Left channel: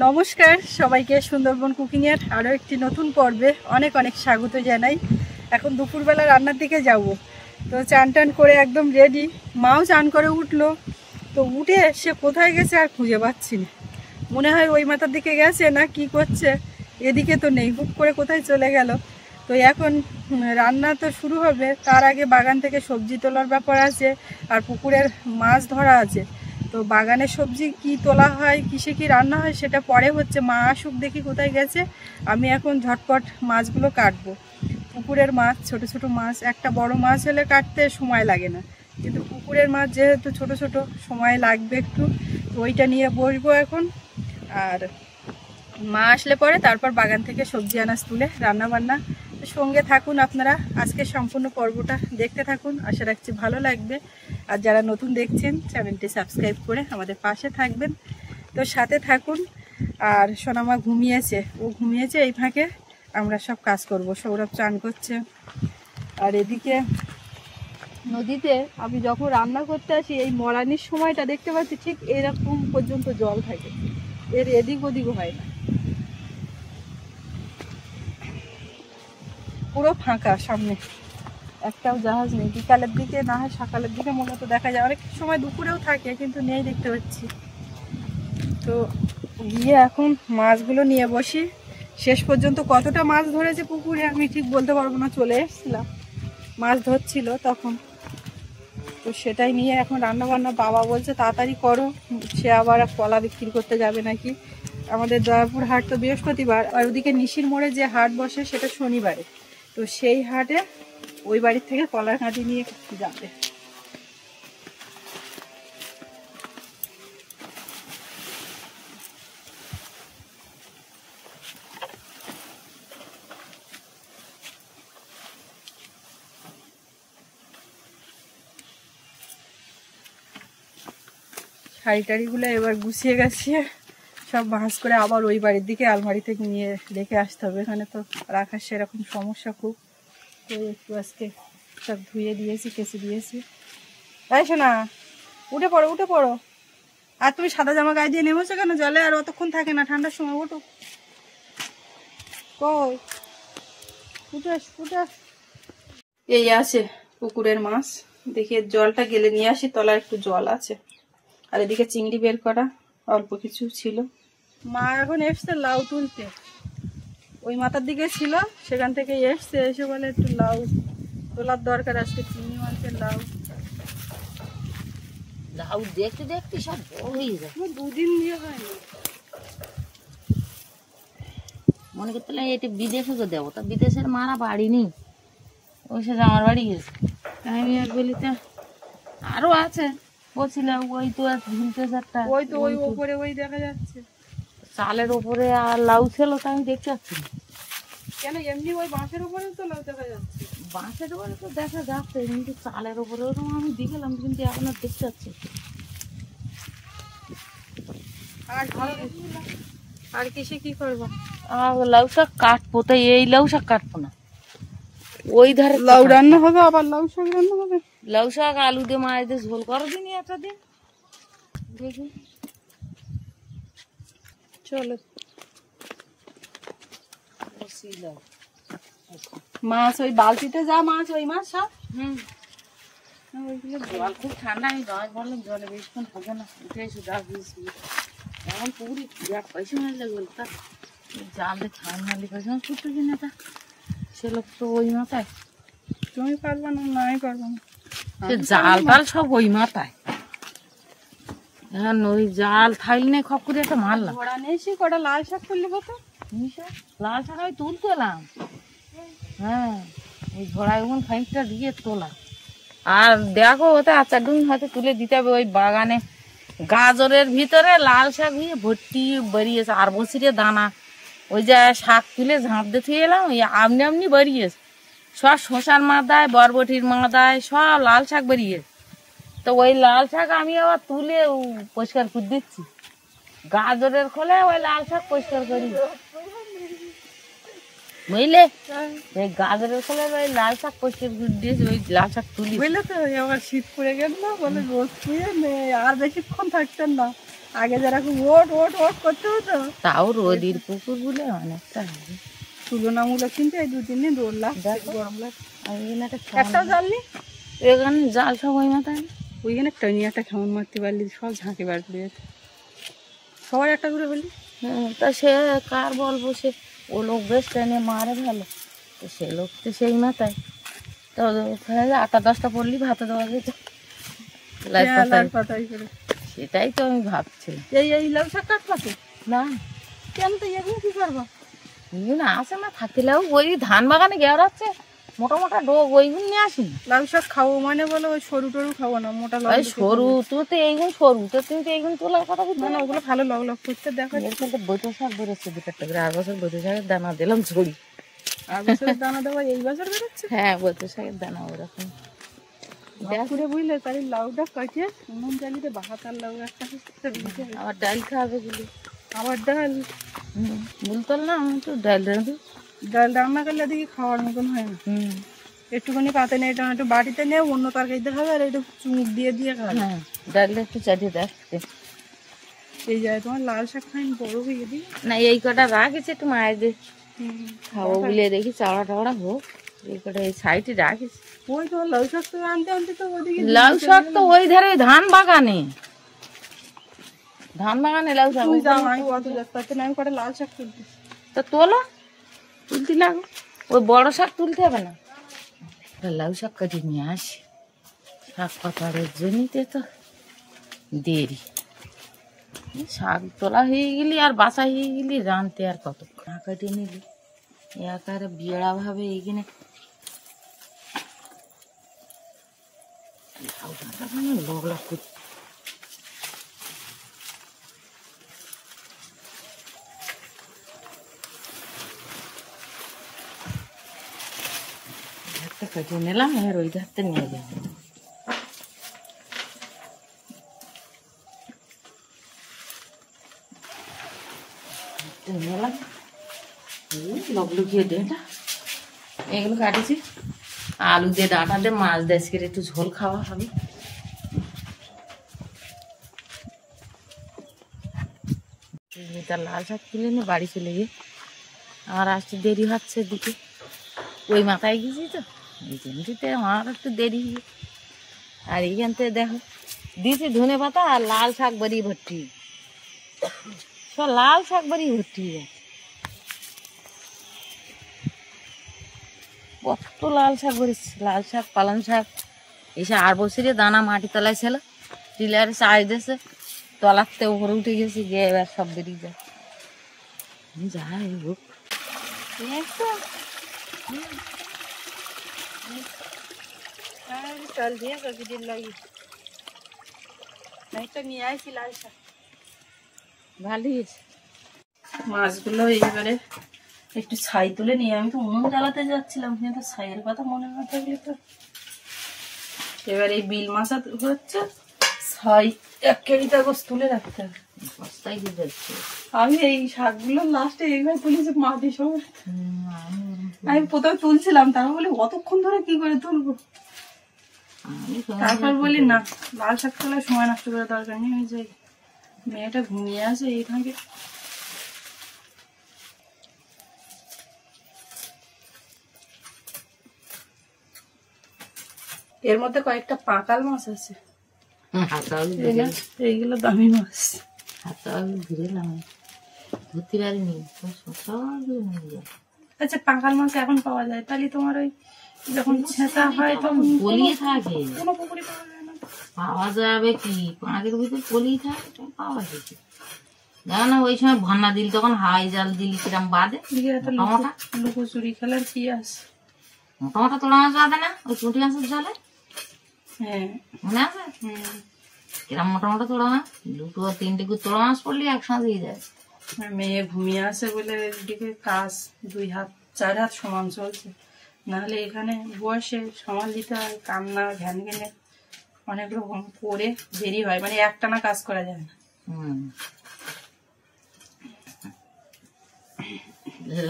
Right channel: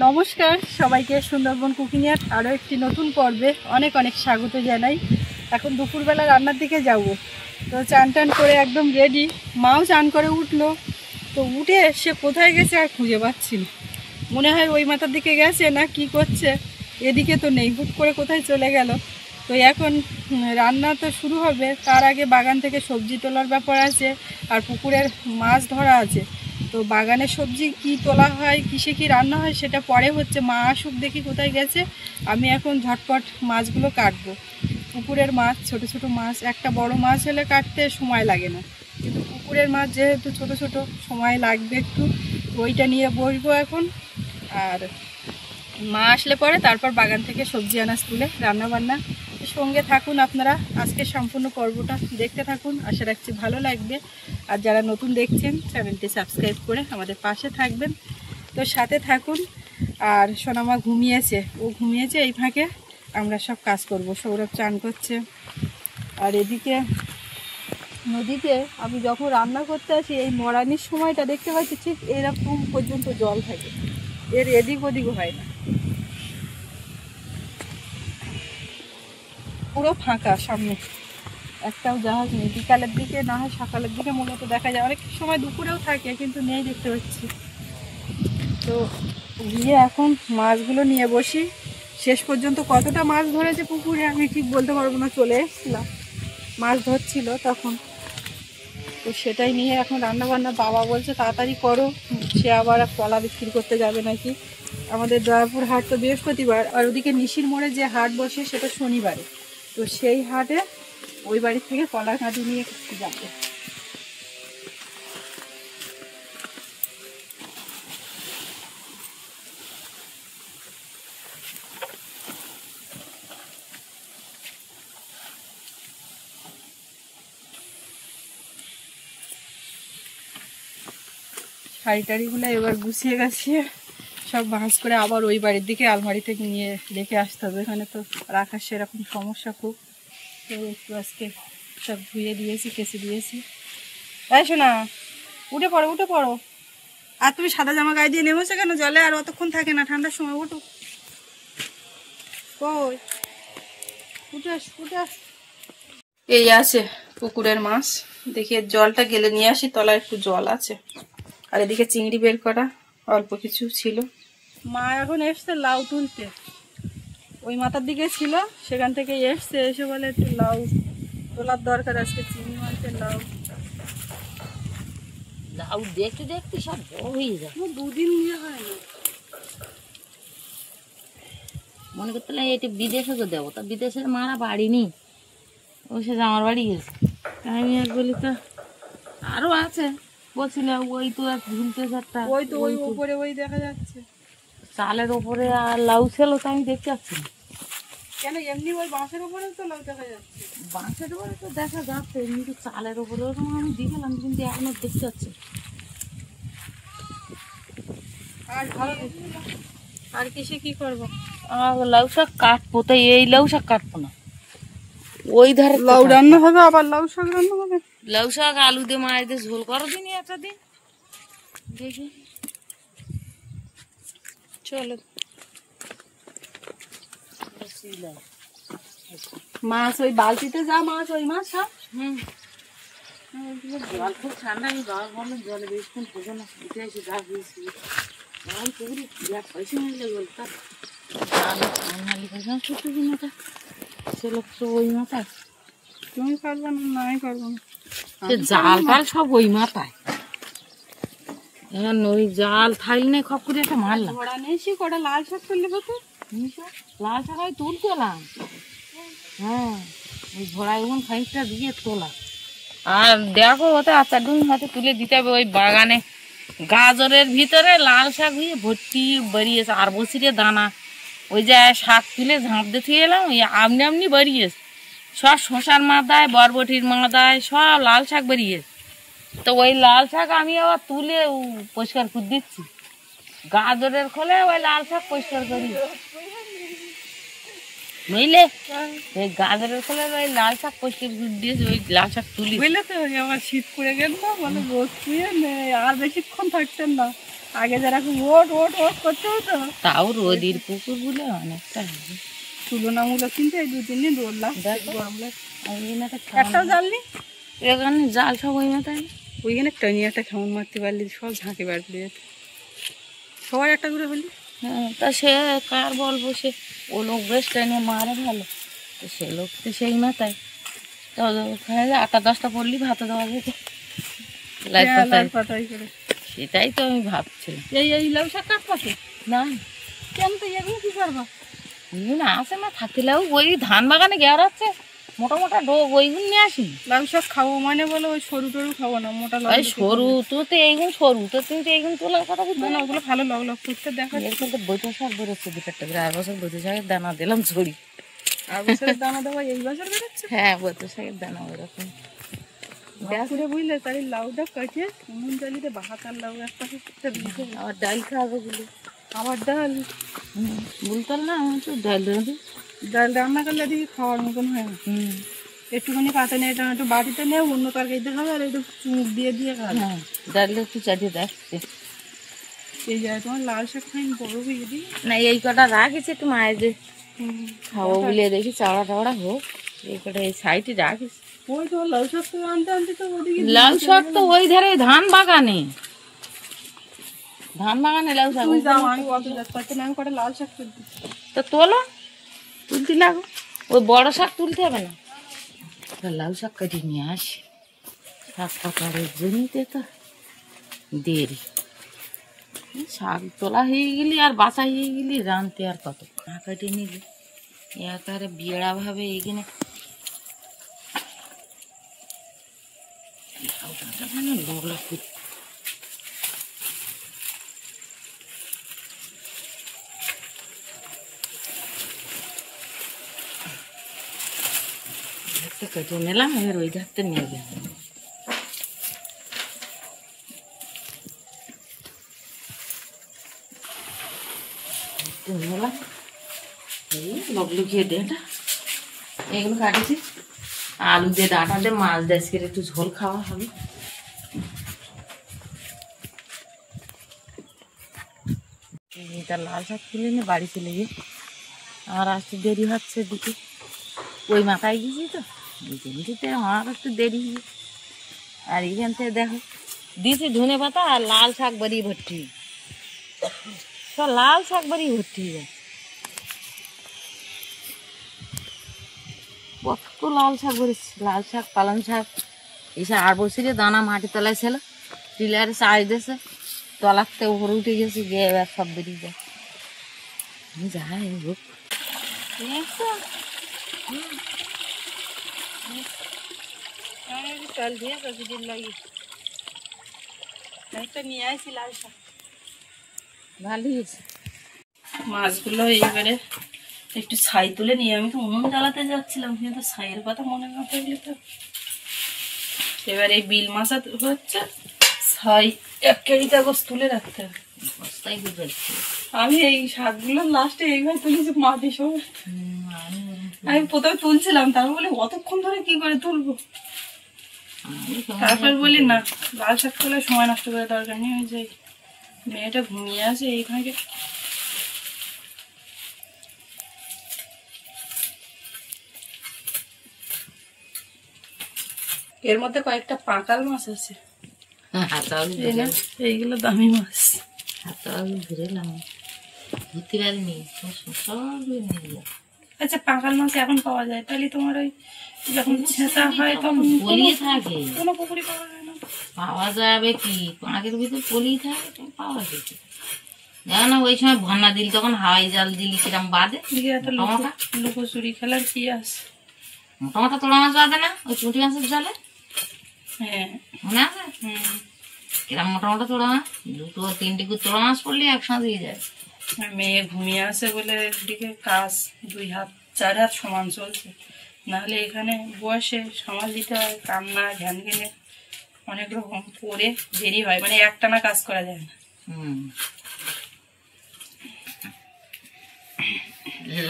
নমস্কার সবাইকে, সুন্দরবন কুকিং এর আরও একটি নতুন পর্বে অনেক অনেক স্বাগত জানাই। এখন দুপুরবেলা রান্নার দিকে যাব। তো চান টান করে একদম রেডি, মাও চান করে উঠলো। তো উঠে সে কোথায় গেছে আর খুঁজে পাচ্ছি না। মনে হয় ওই মাথার দিকে গেছে না কি করছে, এদিকে তো নেই, হুট করে কোথায় চলে গেল। তো এখন রান্না তো শুরু হবে, তার আগে বাগান থেকে সবজি তোলার ব্যাপার আছে, আর পুকুরের মাছ ধরা আছে। তো বাগানের সবজি কি তোলা হয়, কিসে কি রান্না হয় সেটা পরে হচ্ছে, মা আসুক দেখি কোথায় গেছে। আমি এখন ঝটপট মাছগুলো কাটবো। পুকুরের মাছ, ছোট ছোট মাছ, একটা বড় মাছ হলে কাটতে সময় লাগে না, কিন্তু পুকুরের মাছ যেহেতু ছোট ছোট সময় লাগবে একটু। তো ওইটা নিয়ে বসবো এখন। আর মা আসলে পরে তারপর বাগান থেকে সবজি আনাজ তুলে রান্না বান্না। সঙ্গে থাকুন আপনারা, আজকে সম্পূর্ণ পর্বটা দেখতে থাকুন, আশা রাখছি ভালো লাগবে। আর যারা নতুন দেখছেন চ্যানেলটি সাবস্ক্রাইব করে আমাদের পাশে থাকবেন। তো সাথে থাকুন। আর সোনামা ঘুমিয়েছে, ও ঘুমিয়েছে, এই ফাঁকে আমরা সব কাজ করব। সৌরভ চান করছে। আর এদিকে নদীতে আমি যখন রান্না করতে আসি, এই মরানির সময়টা দেখতে পাচ্ছি ঠিক এরকম পর্যন্ত জল থাকে, এর এদিক ওদিক হয় না, পুরো ফাঁকা, সামনে একটাও জাহাজ নেই। বিকালের দিকে না হয় সকালের দিকে মূলত দেখা যায়, অনেক সময় দুপুরেও থাকে কিন্তু নেই দেখতে পাচ্ছি। তো গিয়ে এখন মাছগুলো নিয়ে বসি। শেষ পর্যন্ত কতটা মাছ ধরেছে পুকুরে আমি ঠিক বলতে পারবো না, চলে এসেছিলাম মাছ ধরছিল তখন। তো সেটাই নিয়ে এখন রান্না বান্না। বাবা বলছে তাড়াতাড়ি করো, সে আবার কলা বিক্রি করতে যাবে নাকি। আমাদের দয়াপুর হাট তো বৃহস্পতিবার, আর ওদিকে নিশির মোড়ে যে হাট বসে সেটা শনিবারে। তো সেই হাটে ওই বাড়ির থেকে কলা কাঁদি নিয়ে যাবে। শাড়ি টাড়িগুলো এবার গুছিয়ে গেছে, সব ভাঁজ করে আবার ওই বাড়ির দিকে আলমারি থেকে নিয়ে রেখে আসতে হবে। এখানে তো রাখার সেরকম সমস্যা খুব। তো একটু আজকে সব ধুয়ে দিয়েছি, কেচে দিয়েছি। তাই শোনা, উঠে পড়ো উঠে পড়ো। আর তুমি সাদা জামা গায়ে দিয়ে নেমেছো কেন? জলে আর অতক্ষণ থাকে না, ঠান্ডার সময় ওঠো। কই উঠে আস উঠে আস। এই আছে পুকুরের মাছ, দেখি জলটা গেলে নিয়ে আসি, তলায় একটু জল আছে। আর এদিকে চিংড়ি বের করা অল্প কিছু ছিল। মা এখন এসছে লাউ তুলতে, ওই মাথার দিকে ছিল, সেখান থেকে এসছে, এসে বলে একটু লাউ তোলার দরকার, আজকে চিংড়ি মাছের লাউ। লাউ দেখতে দেখতে সব বড় হয়ে যায়। দুদিন দিয়ে হয়নি, মনে করতে এটা বিদেশে তো দেবো, তা বিদেশের মারা বাড়ি নেই, ও সে আমার বাড়ি গেছে। আমি এক বলি তা আরো আছে, বলছিল ওই তো এক ঝুলতে চারটা, ওই তো ওই উপরে ওই দেখা যাচ্ছে চালের উপরে আর লাউ ছিল, তো আমি দেখতে পাচ্ছি না। কেন এমনি ওই বাঁশের উপরে তো লাউ দেখা যাচ্ছে। বাঁশের উপরে তো দেখা যাচ্ছে, এমনি তো চালের উপরে আমি দেখলাম, কিন্তু এখন আর দেখতে পাচ্ছি। আর কিসে কি করবো? লাউ শাক কাটবো, তো এই লাউ শাক কাটবো না, ওই ধারে লাউ রান্না হবে, আবার লাউ শাক রান্না হবে। লাউ শাক আলু দিয়ে মাছ দিয়ে ঝোল করো দিন একটা দিন, দেখি চলো। মাছ ওই বালতিতে যা মাছ, ওই মাছ সব। জল খুব ঠান্ডা, আমি গাছ ভাবলাম জলে বেশিক্ষণ থাকে না, উঠে এসে গাছ দিয়েছি এখন পুকুরি পয়সা মারলে বলতা জালে ফাইনালি পয়সা ছুটতে দিন, এটা সে লোক তো ওই মাথায় তুমি পারবো না, নাই পারবো না, জাল টাল সব ওই মাথায়। ওই জাল থাইল নেই, খপ করে একটা মারলাম। ঘোড়া নেই, সে কটা লাল শাক তুললে কত লাল শাক আমি তুলতে এলাম, হ্যাঁ ওই ঘোড়ায় ওখান খানিকটা দিয়ে তোলা। আর দেখো ওতে আচার ডুন হয়তো তুলে দিতে হবে। ওই বাগানে গাজরের ভিতরে লাল শাক হয়ে ভর্তি বেরিয়েছে, আর বসিরে দানা, ওই যে শাক তুলে ঝাঁপ দিয়ে থুয়ে এলাম, ওই আমনি আমনি বেরিয়েছে সব, শশার মাথায় বরবটির মাথায় সব লাল শাক বেরিয়েছে। তো ওই লাল শাক আমি আবার তুলে পরিষ্কার করে দিচ্ছি, গাজরের খোলে ওই লাল শাক পরিষ্কার করি, বুঝলে? ওই গাজরের খোলে ওই লাল শাক পরিষ্কার করে দিয়েছি, ওই লাল শাক তুলি। বুঝলে তো, আবার শীত পড়ে গেল, বলে রোদ ছুঁয়ে আর বেশিক্ষণ থাকতেন না, আগে যারা খুব ওট ওট ওট করতে হতো, তাও রোদির পুকুর গুলো অনেকটা হবে তুলনামূলক, কিন্তু এই 2-3 দিন রোদ লাগছে, দেখো। গরম লাগছে। আমি একটা একটাও জ্বালনি, এখানে জাল সব ওই মতো ওইখানে টানি একটা খাওয়ান মারতে পারলি সব ঝাঁকে বার করে যেত, সবার একটা করে বললি। তা সে কার বলবো, সে ও লোক বেশ টেনে মারে ভালো, তো সে লোক তো সেই মাথায় তো ওখানে 8-10টা পড়লি ভাতে দেওয়া যেত লাই পাতায়। পাতাই করে সেটাই তো আমি ভাবছি। এই লাউ শাক কাট পাতে না কেন, তো এগুলো কি করবা? ওইগুলো আসে না থাকিলেও ওই ধান বাগানে গেড়াচ্ছে মোটা মোটা ডোব, ওইগুলো নিয়ে আসি। লাউ শাক খাবো মানে বলো ওই সরু টরু খাবো না, মোটা লাউ ওই সরু তুই তো এইগুলো সরু, তো তুমি তো এইগুলো তোলার কথা বলছো না, না। ওগুলো ভালো লগ লগ করতে দেখা। এরকম তো বৈঠো শাক বেরোচ্ছে 2-4টা করে, আর বছর বৈঠো শাকের দানা দিলাম ঝড়ি। আর বছরের দানা দেওয়া এই বছর বেরোচ্ছে। হ্যাঁ বৈঠো শাকের দানা ওরকম করে বুঝলে তাই লাউটা কাটিয়ে নুন জালিতে বাহাতার লাউ একটা করতে দিতে, আমার ডাল খাওয়াবে গুলি। আবার ডাল বলতাম না আমি তো ডাল রাঁধি। ডাল রান্না করলে দেখি খাওয়ার মতন হয় না। একটুখানি পাতে নিয়ে এটা একটু বাটিতে নিয়ে অন্য তরকারিতে খাবে, আর একটু চুমুক দিয়ে দিয়ে খাবে। হ্যাঁ ডালটা একটু চাটিয়ে দেখছে এই যায় তোমার লাল শাক খাইন বড় হয়ে দিই না, এই কটা রাখিস একটু মায়ের যে খাবো বলে দেখি চাওড়া টাওড়া হোক, এই কটা এই সাইডে রাখিস। ওই তোমার লাউ শাক তো আনতে আনতে তো ওদিকে লাউ শাক তো ওই ধারে ধান বাগানে, ধান বাগানে লাউ শাক। তুমি যাও, আমি কত যাচ্ছি তত না, আমি কটা লাল শাক তুলতে। তো তোলো, তুলতে লাগো, ওই বড় শাক তুলতে হবে না, লাউ শাক কাটি নিয়ে আসি। শাক পাতারের জমিতে তো দেরি, শাক তোলা হয়ে গেলি আর বাসা হয়ে গেলি রানতে আর কত না কাটিয়ে নিলি একারে বিয়েড়া ভাবে এইখানে লগলা করতে। কেটে নিলাম, এবার ওই ধারটা নিয়ে গেলাম। নিলাম এই লগলুকিয়ে ডেটা এগুলো কাটেছি, আলু দিয়ে ডাঁটা দিয়ে মাছ দিয়ে আজকে একটু ঝোল খাওয়া হবে। তার লাল শাক তুলে নিয়ে বাড়ি চলে গিয়ে আমার আসতে দেরি হচ্ছে দিকে, ওই মাথায় গেছি তো এই জন্যতে আমার একটু দেরি হয়ে। আর এইখান থেকে দেখো দিয়েছি ধনে পাতা আর লাল শাক বাড়ি ভর্তি, সব লাল শাক বাড়ি ভর্তি হয়ে যাচ্ছে, কত লাল শাক বেরিয়েছে, লাল শাক পালং শাক এসে আর বসিয়ে দানা মাটি তলায় ছিল, টিলারে চাষ দিয়েছে, তলাতে উপরে উঠে গেছে, গিয়ে এবার সব বেরিয়ে যায়। যাই হোক চাল দিয়ে দিন লাগি একটা নিয়ে আসি লাল শাক। ভালোই হয়েছে। মাছগুলো এইবারে একটু ছাই তুলে নিয়ে, আমি তো উনুন জ্বালাতে যাচ্ছিলাম, কিন্তু ছাইয়ের কথা মনে না থাকলে তো। এবার এই বিল মাছা হচ্ছে, ছাই 1 কেজি কাগজ তুলে রাখতে হবে। বস্তায় গুজাচ্ছে। আমি এই শাকগুলো লাস্টে এইভাবে তুলেছি মাটি সব। আমি প্রথমে তুলছিলাম, তারপর বলি অতক্ষণ ধরে কি করে তুলবো, তারপর বলি না লাল শাক তোলার সময় নষ্ট করার দরকার নেই, ওই যে মেয়েটা ঘুমিয়ে আছে এইখানে। এর মধ্যে কয়েকটা পাকাল মাছ আছে, এইগুলো দামি মাছ। আচ্ছা পাকাল মাছ এখন পাওয়া যায়, তাহলে তোমার ওই যখন ছেঁচা হয় তখন পলিয়ে থাকে, কোনো পুকুরে পাওয়া যায় না। পাওয়া যাবে কি পাঁকের ভিতরে পলিয়ে থাকে, পাওয়া যাবে দেখো না। ওই সময় ভন্না দিল তখন হাওয়াই জাল দিলি কিরম বাদে লুকোচুরি খেলার কি আছে। মোটামোটা তোলা মাছ বাদে না ওই পুঁটি মাছের জালে, হ্যাঁ মনে আছে কিরম মোটামোটা তোলা মাছ, 2-3 তোলা মাছ পড়লে একসাথে দিয়ে যায়। মেয়ে ঘুমিয়ে আছে বলে এদিকে কাজ 2-4 হাত সমান চলছে, নাহলে এখানে বসে সামাল দিতে হয়, কান্না ঘ্যান ঘেনে অনেক রকম করে দেরি হয়, মানে একটানা কাজ করা যায় না।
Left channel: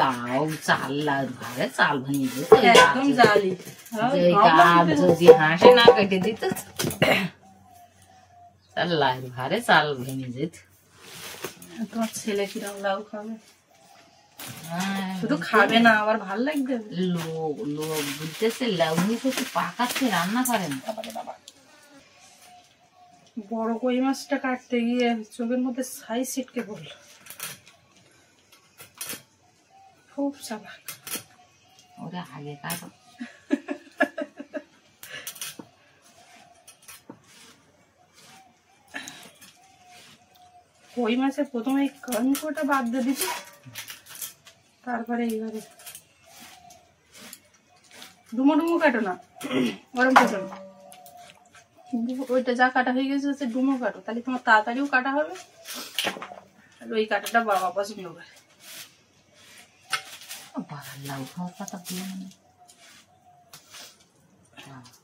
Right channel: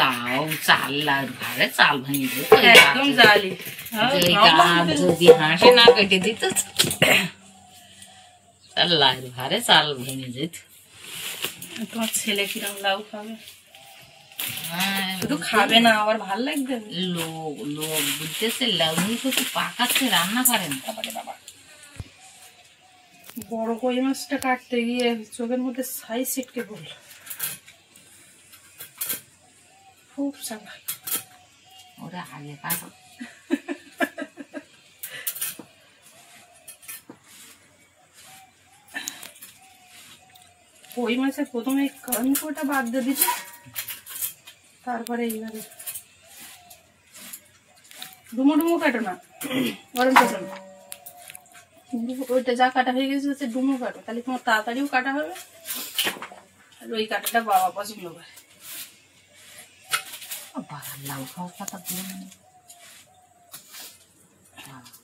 লাউ চাল লাউ ঘরে চাল ভাঙি দিত একদম জালি, যদি হাসে না কেটে দিত লাউ ঘরে চাল ভেঙে যেত। তোমার ছেলে কিরম লাউ খাবে? হ্যাঁ, শুধু খাবে না, আবার ভাল লাগবে। লোক লোক বুঝতেছে লাউ নিয়ে শুধু পাকাচ্ছে, রান্না করেন। বাবা, বড় কই মাছটা কাটতে গিয়ে চোখের মধ্যে ছাই ছিটকে পড়লো। খুব চালাক। ওরা আগে কাটো। কই মাছের প্রথমে কানকোটা বাদ দিয়ে দিচ্ছে, তারপরে এইবারে ডুমো ডুমো কাটো না, গরম কাটো না। ওইটা যা কাটা হয়ে গেছে হচ্ছে ডুমো কাটো, তাহলে তোমার তাড়াতাড়িও কাটা হবে। আর ওই কাটাটা বাবা পছন্দ করে। বাবার লাউ খাওয়ার কথা বলে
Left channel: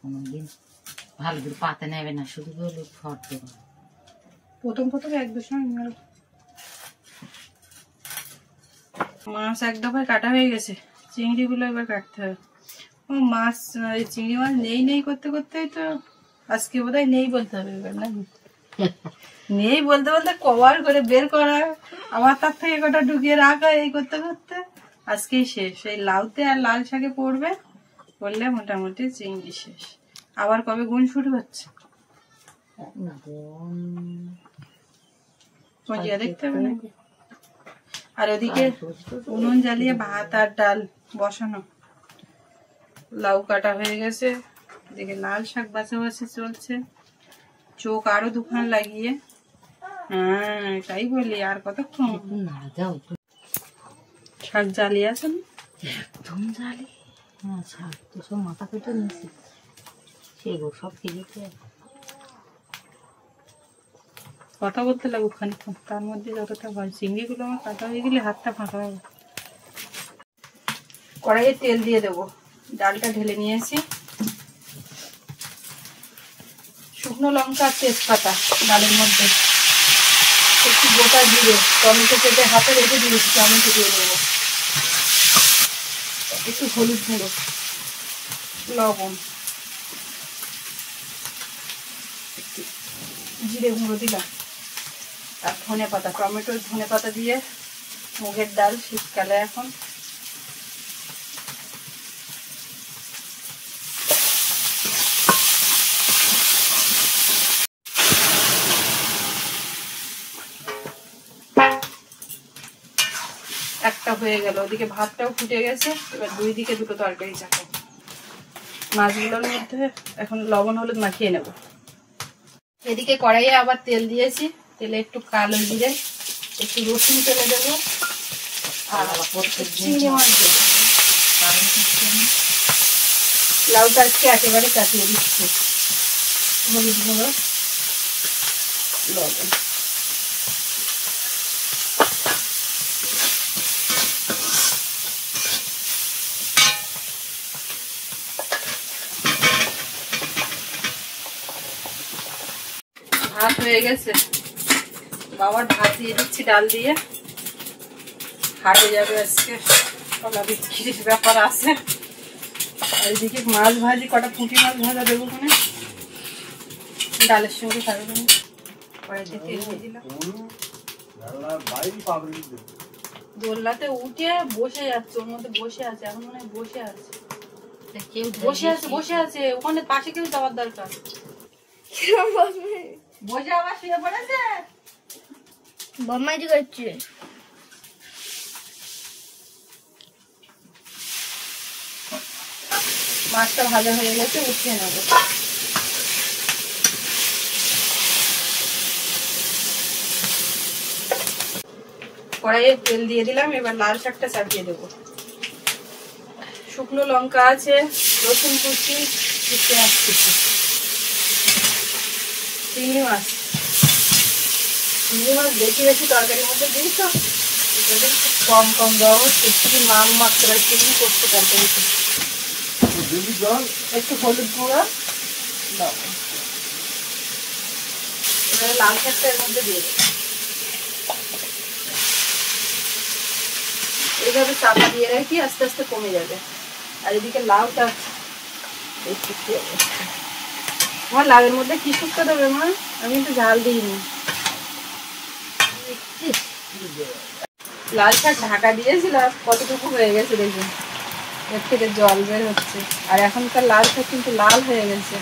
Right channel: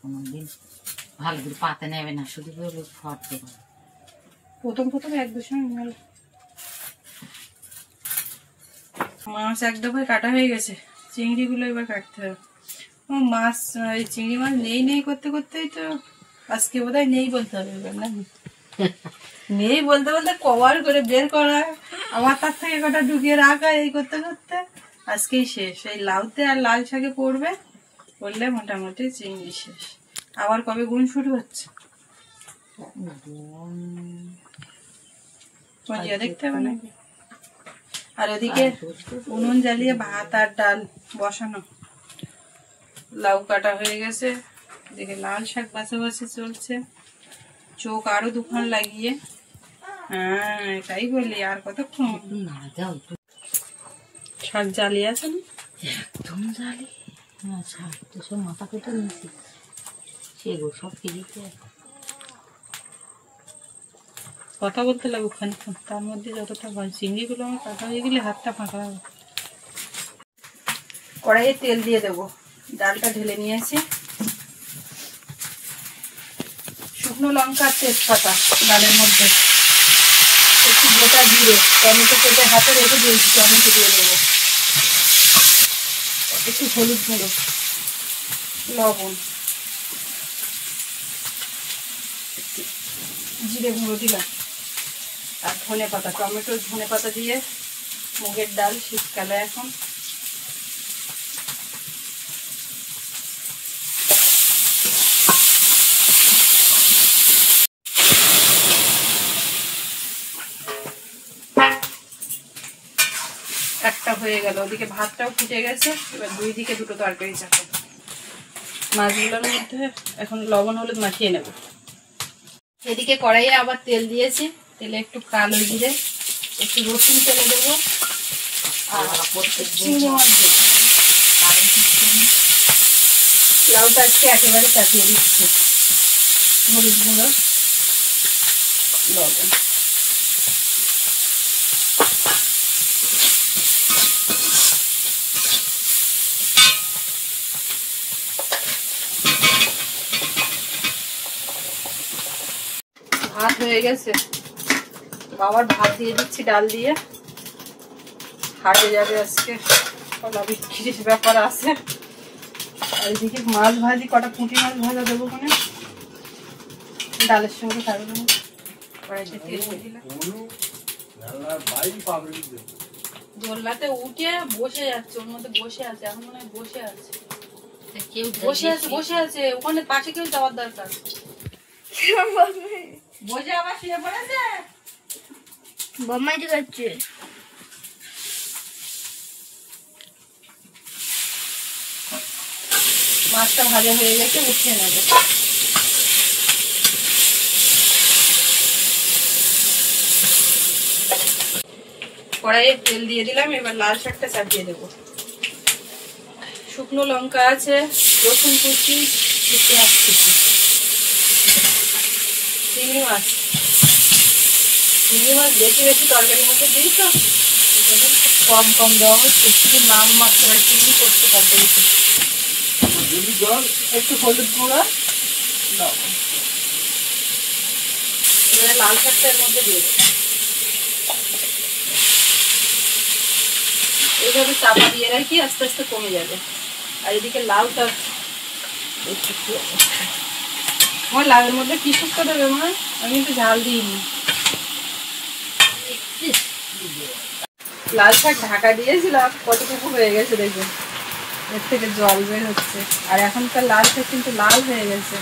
কোনোদিন ভালো করে পাতে নেবে না, শুধু বলে ফট দেবে। প্রথম এক দু সময় মেল মাছ এক দফায় কাটা হয়ে গেছে, চিংড়িগুলো এবার কাটতে হবে। ও মাছ, এই চিংড়ি মাছ নেই করতে করতেই তো আজকে বোধহয় নেই বলতে হবে এবার, নাকি? নেই বলতে বলতে কভার করে বের করা, আবার তার থেকে কটা ঢুকিয়ে রাখা, এই করতে করতে আজকেই শেষ। এই লাউতে আর লাল শাকে পড়বে, পড়লে মোটামুটি চিংড়ি শেষ। আবার কবে গুণ শুরু হচ্ছে দেখতে হবে নাকি? আর ওদিকে উনুন জ্বালিয়ে ভাত আর ডাল বসানো, লাউ কাটা হয়ে গেছে, এদিকে লাল শাক বাছাবাছি চলছে। চোখ আরো দুখান লাগিয়ে, হ্যাঁ তাই বলি, আর কতক্ষণ? শাক জ্বালিয়ে আছে না? একদম জালি। হ্যাঁ, শাক তো সব মাথা কেটে নিয়েছি, সেগুলো সব কেটেছে। কথা বলতে লাগবে খানিক্ষণ, তার মধ্যে যতটা হয়। চিংড়িগুলো আমার কাটা হয়ে গেলে হাতটা ফাঁকা হবে। কড়াইয়ে তেল দিয়ে দেবো, ডালটা ঢেলে নিয়েছি। শুকনো লঙ্কা আর তেজপাতা ডালের মধ্যে, একটু গোটা জিরে, টমেটো কেটে হাতে রেখে দিয়েছি, টমেটো দিয়ে দেবো, একটু হলুদ গুঁড়ো, লবণ, জিরে গুঁড়ো দিলাম, আর ধনে পাতা, টমেটো ধনে পাতা দিয়ে মুগের ডাল শীতকালে এখন। একটা হয়ে গেল, ওদিকে ভাতটাও ফুটে গেছে, এবার দুই দিকে দুটো তরকারি চাপাবো। মাছগুলোর মধ্যে এখন লবণ হলুদ মাখিয়ে নেব। এদিকে কড়াইয়ে আবার তেল দিয়েছি, তেলে একটু কালো জিরে, একটু রসুন তেলে দেবো, আর চিংড়ি মাছ দেবো। লাউটা আজকে একেবারে চাপিয়ে দিচ্ছি, হলুদ গুঁড়ো, লবণ। ভাত হয়ে গেছে, বাবার ভাত দিয়ে দিচ্ছি ডাল দিয়ে। হাটে যাবে আজকে, কলা বিক্রির ব্যাপার আছে। আর এদিকে মাছ ভাজি, কটা পুঁটি মাছ ভাজা দেবো, মানে ডালের সঙ্গে খাবে না। কড়াইতে তেল দিয়ে দিলাম, দোলনাতে উঠে বসে যাচ্ছে, ওর মধ্যে বসে আছে, এখন মনে হয় বসে আছে, কেউ বসে আছে ওখানে, পাশে কেউ যাওয়ার দরকার। বসে আবার শুয়ে পড়েছে, বদমাইশি করছে। মাছটা ভাজা হয়ে গেছে, উঠিয়ে নেবো। কড়াইয়ে তেল দিয়ে দিলাম, এবার লাল শাকটা চাপিয়ে দেবো। শুকনো লঙ্কা আছে, রসুন কুচি, পেঁয়াজ কুচি, চিংড়ি মাছ বেশি বেশি তরকারির মধ্যে দিই তো, কম কম দেওয়া হচ্ছে, শুধু নাম মাত্রায় চিংড়ি করতে তরকারিতে। একটু হলুদ গুঁড়া, লবণ। এবারে লাল শাকটা এর মধ্যে দিয়ে দেবো, এইভাবে চাপা দিয়ে রাখি, আস্তে আস্তে কমে যাবে। আর এদিকে লাউটা আমার লাউয়ের মধ্যে কি শুক্তো দেবে মা? আমি একটু ঝাল দিইনি। লাল শাক ঢাকা দিয়েছিলাম, কতটুকু হয়ে গেছে দেখুন, এর থেকে জল বের হচ্ছে। আর এখনকার লাল শাক কিন্তু লাল হয়ে গেছে।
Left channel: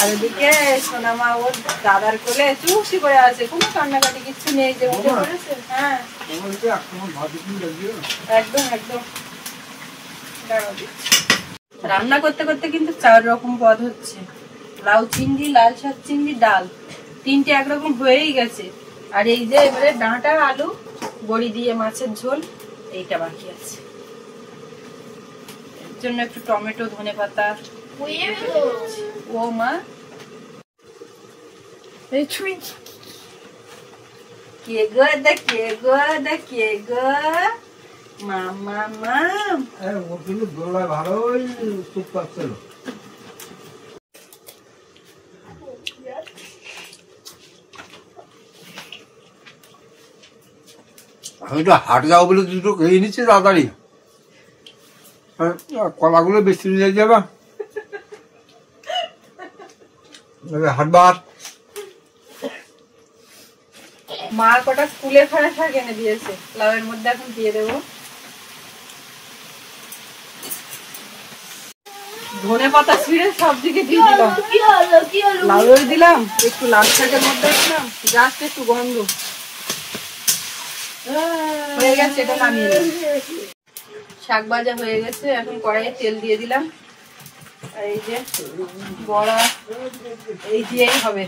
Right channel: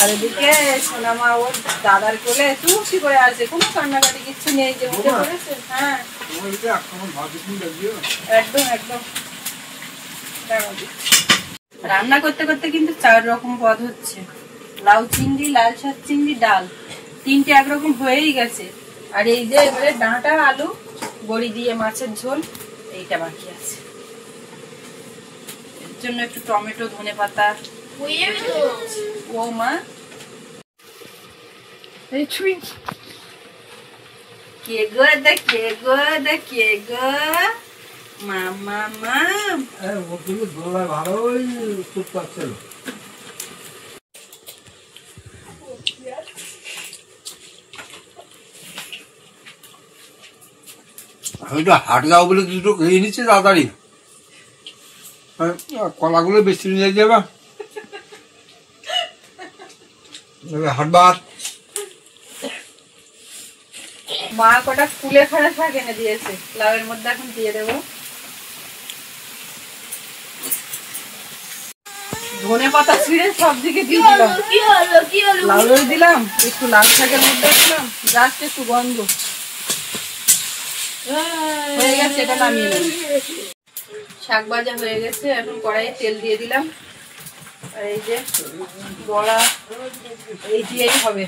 আর এদিকে সোনামা ওর দাদার কোলে চুপটি করে আছে, কোনো কান্নাকাটি কিচ্ছু নেই, যে উঠে পড়েছে। হ্যাঁ একদম একদম। রান্না করতে করতে কিন্তু 4 রকম পদ হচ্ছে, লাউ চিংড়ি, লাল শাক চিংড়ি, ডাল, 3টে একরকম হয়েই গেছে। আর এই যে এবারে ডাঁটা আলু বড়ি দিয়ে মাছের ঝোল, এইটা বাকি আছে। এর জন্য একটু টমেটো, ধনেপাতা। ও মা এই ছুঁই কে গো, কে গো, কে গো, মামা মাম। আমি তো হাট যাবো বলে দুটো খেয়ে নিচ্ছি তাড়াতাড়ি, কলাগুলো বেশি নিয়ে যাবা হাট ভাত। মা কটা ফুলে ফেরা শাক এনে দিয়েছে, লাউয়ের মধ্যে এখন দিয়ে দেবো। ধনে পাতা ছিঁড়ে সব দিকে দিয়ে দিলাম, লাউয়ে দিলাম, একটু লাল শাকের মধ্যে দিলাম, জাস্ট একটু গন্ধ হয়ে গেছে। এটা নামিয়ে নেব। শাক ভাজা হয়ে গেছে, এখন কড়াইয়ে তেল দিয়ে দিলাম। আর এই যে বড়া, এই দিয়েই হবে।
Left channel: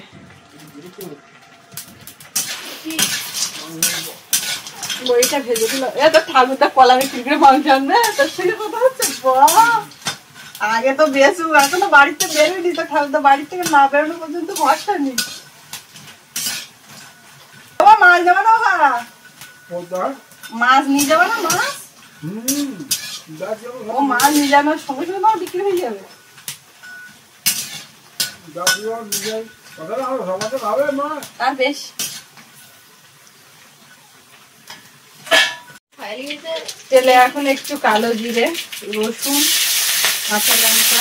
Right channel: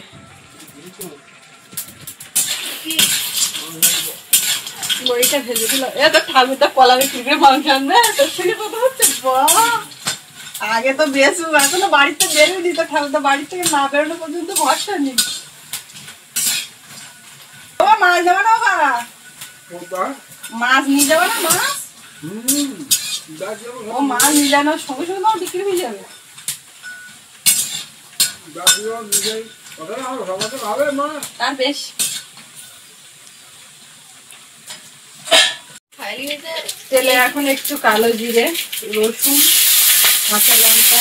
বড়িটা ভেজে দিলাম। এ তো ঠাকুরটা কলাবে চিংড়ি মাংস আনবে, তোর থেকে কথা হচ্ছে। আগে তো বেশু, এখনো বাড়িতে বেরোয়নি, তো ঠাকুরটা বাড়ি থেকে না বেরোনো পর্যন্ত ভরসা নেই। মাছ যাবো না বাবা, মাছ নিয়ে যাবো না, মাছ ও মাছ নিয়ে যাওয়ার সঙ্গে সঙ্গে তোমার বিক্রি হয়ে যাবে। আর বেশ তেলে এখন একটু কালো জিরে, রসুন, কাঁচা লঙ্কা,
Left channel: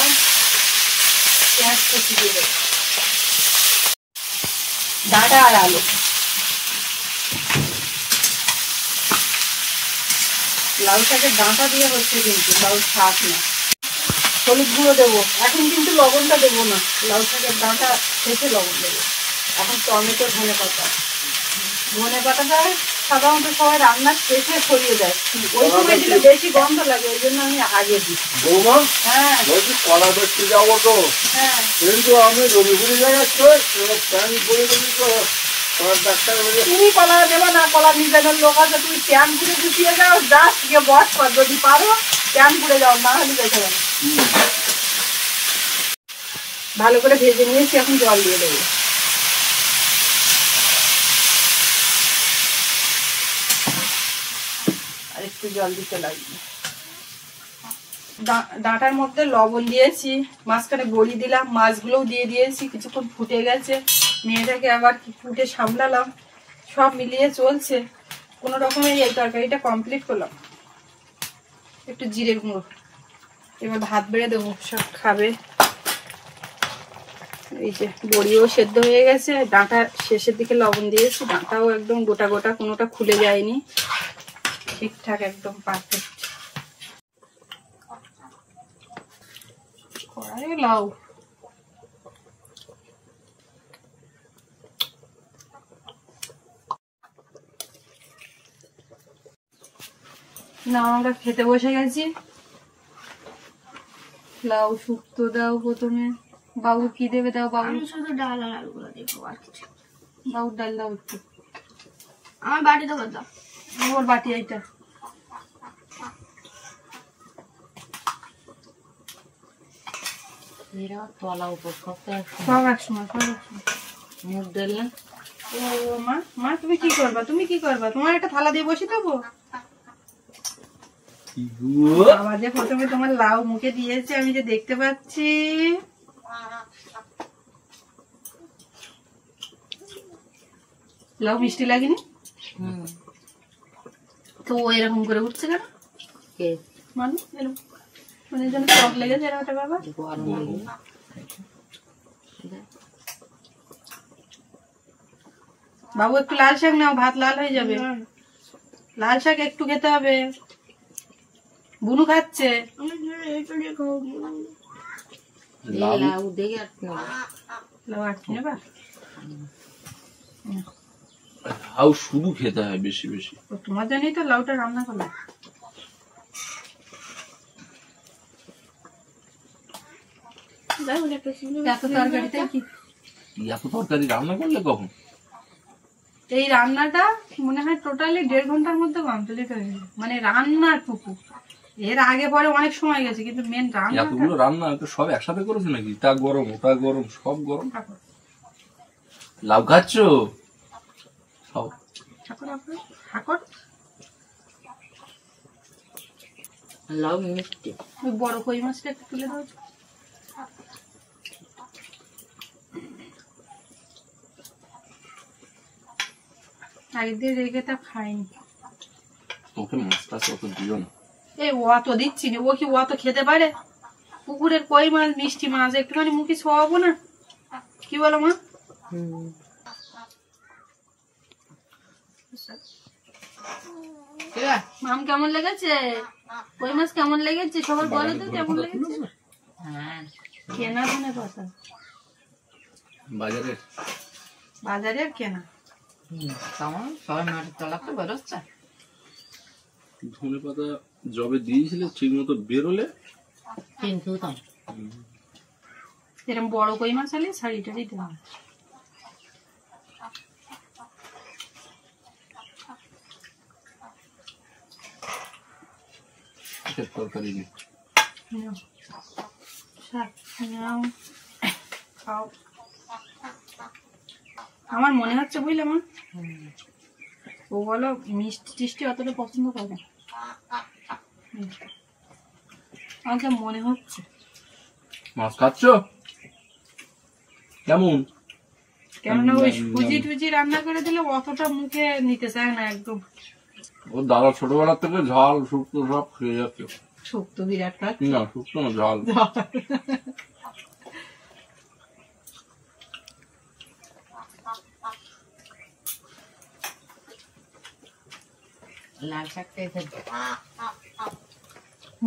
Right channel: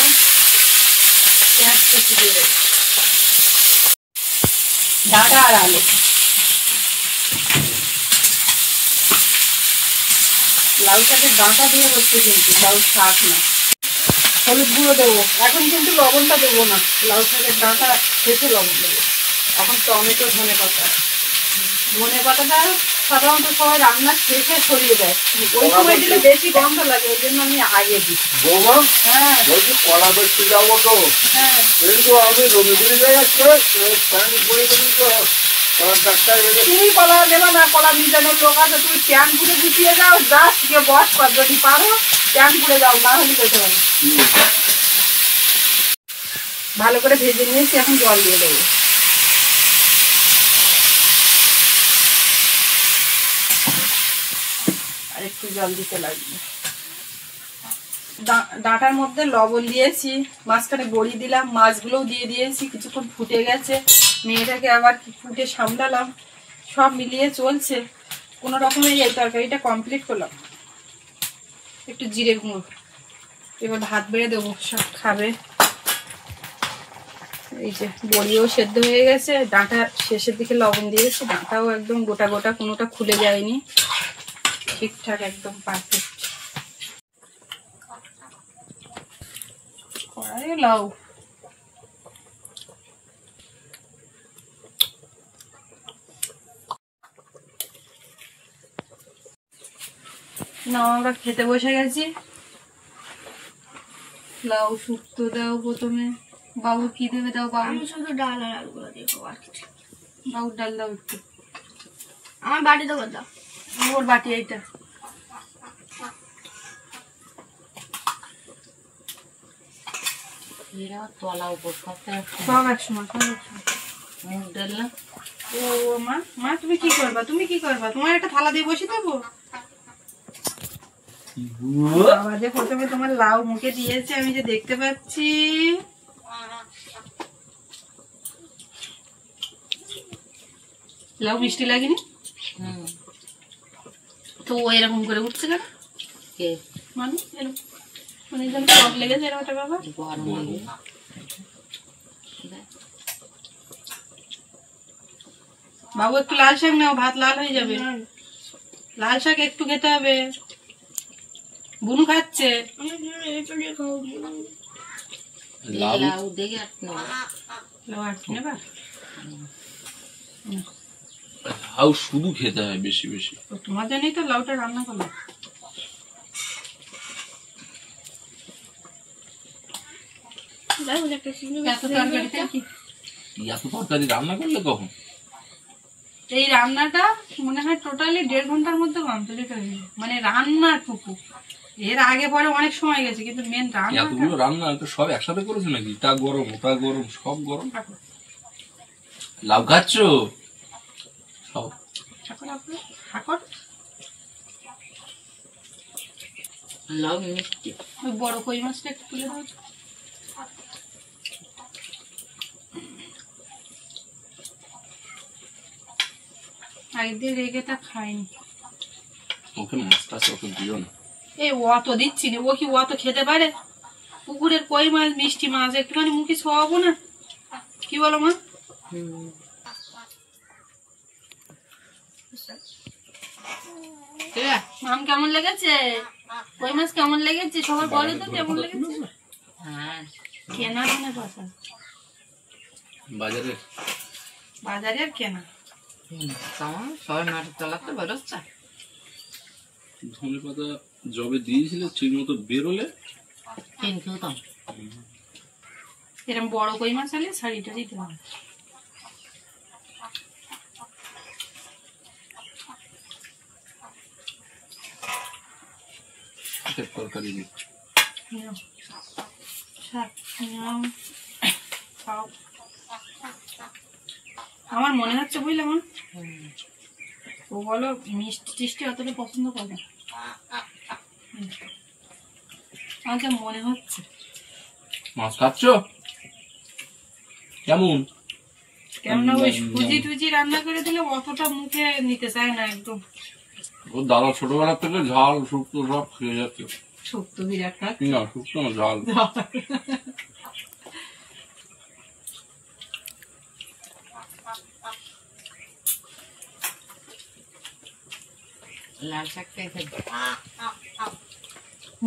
পেঁয়াজ কুচি দেবে, ডাঁটা আর আলু। লাউ শাকের ডাঁটা দিয়ে হচ্ছে কিন্তু, লাউ শাক না। হলুদ গুঁড়ো দেবো, এখন কিন্তু লবণটা দেবো না, লাউ শাকের ডাঁটা শেষে লবণ দেবো। এখন টমেটো, ধনে পাতা। ধনে পাতাটা সাধারণত সবাই রান্নার শেষে ছড়িয়ে দেয়, ওই সময় দিলে বেশি গন্ধ লাগে, ওই জন্য আমি আগে দিই। হ্যাঁ কলা দেখতে যাবো তো, হ্যাঁ কিন্তু আমি রবিগুলি যাচ্ছি, তুমি কলা দেবে না, কলা মিজানোর লোক আছে, তুমি প্যান পুড়ে গুছিয়ে যাও, জাস্ট গিয়ে বস কর, যদি পারো প্যান পুড়ে যাও, না হলে যেতে পারো। ভালো করে ভেজে নিয়েছি, এখন জল দিয়ে দেবো। আর একটু জল দিতে লাগবে। ডাঁটার মধ্যে লবণ দিয়েছি, মাঝখানে বড়ি দিলাম, মাছগুলোও দিয়ে দিয়েছি, কিছুক্ষণ ফুটে গেছে, মেয়েটাকে আবার ফুটে সামলালাম, সব মিলিয়ে চলছে। কোনো রকমের এই তরকারিটা কমপ্লিট করলাম। একটু জিরে গুঁড়ো, এবার ভাত বেড়ে দেবো, সব খাবে। এই যে বড়িও সেদ্ধ হয়ে গেছে, ডাঁটা শেষের দিকে লবণ দিয়েছি, ডাঁটাও একদম গোটা গোটা, কোনোটা খুলে যায়নি, ঠিকঠাক একদম পারফেক্ট। কড়াই লাউ না, আমরা খেতে বসে গেছি। লাউ শুক্তো দাও প্রথমে, বাবু কি দেবে দাও, বাবু শুধু ডাল আর আলুগুলো দেখবো, আর কিছু বাবুর ডাল দাও একটু, আমার বাড়ি দেবো দাও। ওর বাটি এইটা। তলা উপর সব একসময়, সব একসময়। মুখ ডাল না। ও মা, মা তুমি কি করবা, তুমি কি করবা, তোমার একটা থালা দিয়ে বসে দেবো। বাবা যে প্রথমে তোমার লাউ মুখে দিয়েছে, আমি যে দেখতে পাচ্ছি। লাউ মিষ্টি লাগেনি তো ও এরকম করে উঠছে কেন, মানুষ মানে যেন টক লেগেছে এরকম একটা ব্যাপার। বাবু একটু লাল শাক নাও, ভাত লাল হয়ে যাবে। লাল শাক একটু খেতে হবে। বুনু খাচ্ছে। লাউ দেখে লাউ আটকে নেবা? লাউ শুধু খেতে হয় বেশি বেশি। তো তোমার জন্যই তো লাউটা রান্না করলাম। এত তরকারিতে কি? এত তরকারি রান্না করলে কখন? এই রান্নাটা মনে হয় টোটালি 1.5 ঘন্টার মধ্যে কমপ্লিট হয়ে গেছে, মানে রান্নাটুকু। এর আগে পরে অনেক সময় গেছে, কিন্তু মেন রান্না। এতগুলো রান্না তো সব একসাথে করেছো নাকি? তা গরম ওটা গরম সব গরম। লাউ খাচ্ছ সব? ঠাকুর লাউ মিষ্টি। ওই বড় কই মাছটা একটু তুলে দাও। আগে দিয়ে রেখে তা খাইনি। ওকে মাছটা অত দিও না। এই অত দিচ্ছি না, ও কি অত খেতে পারে? পুকুরের কই মাছ, মিষ্টি মাছ, একটুখানি মুখে ছোয়াবো না? কি বলো মা? মাম কেমন লেগেছে? কই মাছ কেমন লেগেছে? সবাই বলো তো কেমন লেগেছে। হ্যাঁ, কেনা ধনে পাতা, বাজারে বাজারে আর কেনা। কেমন সবাই মাঠের তলাতে বেরোচ্ছে। ধনে পাতা জবে দিয়েছিলে ঠিক মতো বেরোলে কিন্তু তো এরকম বড় কই মাছ হলে শাড়িটা দিতে হবে। তরকারি নেই। নাও, শাক নাও, খাও। আমার মনে হচ্ছে বুঝলে মা, ও বলো মিষ্টি টিষ্টি অতটা পছন্দ করে না। আমার যা মনে হচ্ছে। মাছ খাচ্ছ কেমন? কেননা ওই সুজি টুজি রান্না করে দিলে অতটা মুখে নিতে চায় না একদম। ওর দাদা ছোটবেলা থেকে ঝাল শুক্তো সব খেয়ে যাচ্ছে। শক্ত বিরাট কাজ। না শুক্তো না, ঝাল। লাল শাক খেয়ে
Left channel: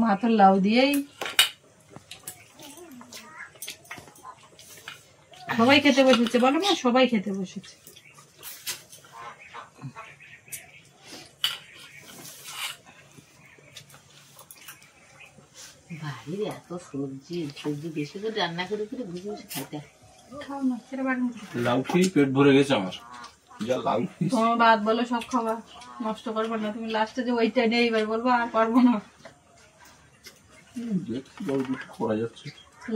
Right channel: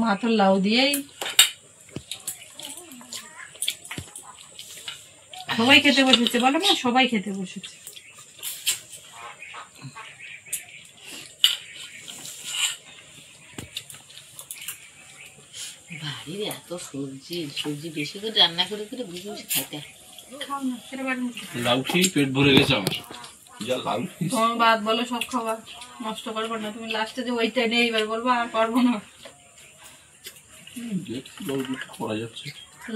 মা তো লাউ দিয়েই সবাই খেতে বসেছে, বলো মা, সবাই খেতে বসেছে। বাড়ির এত সবজি সবজি বেশি করে রান্না করে করে বেশি বেশি খাইতে হয়। খাও না, সেটা বাড়ি লাউ খেয়ে পেট ভরে গেছে আমার। যা লাউ খেয়েছি। তোমার বাদ বলো, সব খাবার নষ্ট করবো না। তুমি লাস্টে যে ওইটা নেই এবার বলবো আর পারবো না। দেখছি লাউ দুটো করা যাচ্ছে।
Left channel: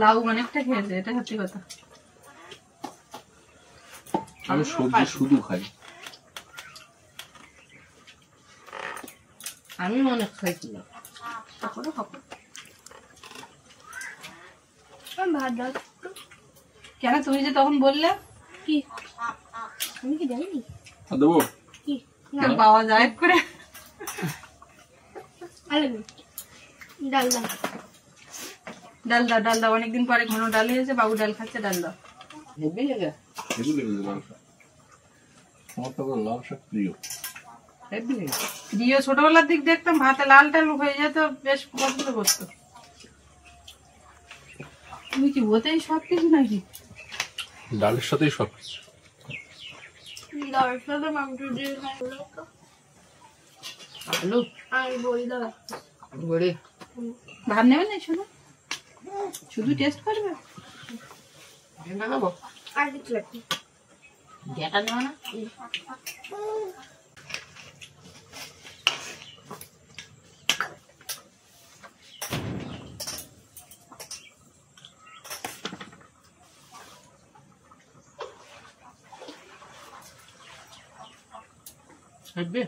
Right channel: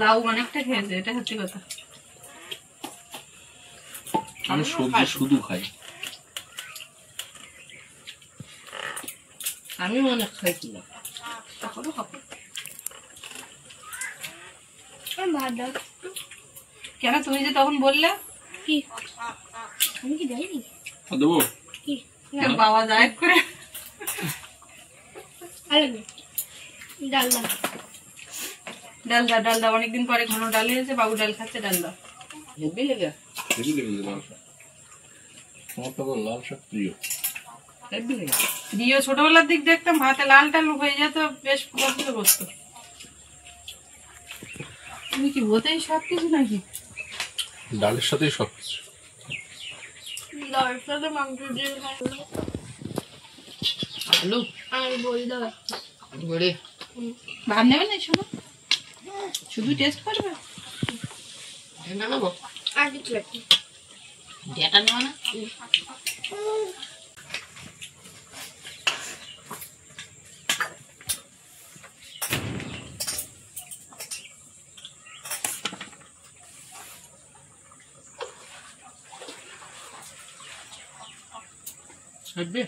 লাউ অনেকটা খেয়েছে, এটা সত্যি কথা। আমি সবজি শুধু খাই। আমি অনেক খাইছিলাম। সকলে খাবো। ভাত দাও। কেন তুমি যে তখন বললে কি আমি কি দেয়নি? আর দেবো? কি বাবা যায় করে আরে ডাল দাও। ডাল দাও, ডাল দাও। অনেকদিন পরে ঘন ডাল হয়েছে, বাবু ডাল খাচ্ছে, ডাল দাও। হেবি লেগে হেবি লেগেছে লাল শাক। আমার তো আবার লাল শাক প্রিয়। হেবি লেগে দিও ছোটবেলার দিক দেখতাম ভাতে লাল টাল হয়ে যেত, বেশ পছন্দ করতো। তুমি কি ওতেই সব কিছু নাকি? ডালের সাথেই সব কিছু। দাওয়ার সাথে মাংস দিয়ে খাবো। আলু আমি বলি দাও। বড়ি ভাত নেবে না? শোনো, শুধু টেস্ট করবে। ঢেঁড়া খাবো। আর কিছু লাগবে? ডেটা নেওয়া না? হেবি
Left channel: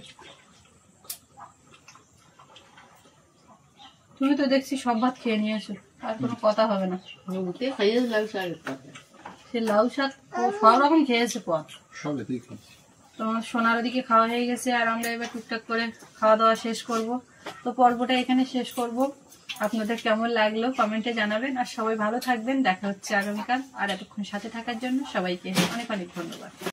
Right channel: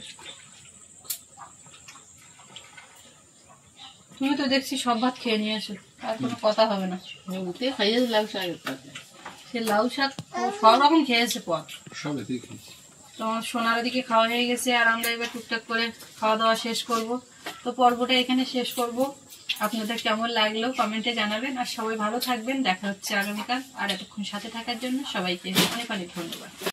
তুমি তো দেখছি সব ভাত খেয়ে নিয়ে আসো, আর কোনো কথা হবে না। উঠে খাইয়ে লাউ শাকের পাতা। সে লাউ শাক ও সব রকম খেয়েছে পর। সব এতেই খাচ্ছি। তোমার সোনার ওদিকে খাওয়া হয়ে গেছে, আর আমরা এবার টুকটাক করে খাওয়া দাওয়া শেষ করব। তো পর্বটা এখানে শেষ করব। আপনাদের কেমন লাগলো কমেন্টে জানাবেন, আর সবাই ভালো থাকবেন। দেখা হচ্ছে আগামীকাল। আর এতক্ষণ সাথে থাকার জন্য সবাইকে অনেক অনেক ধন্যবাদ।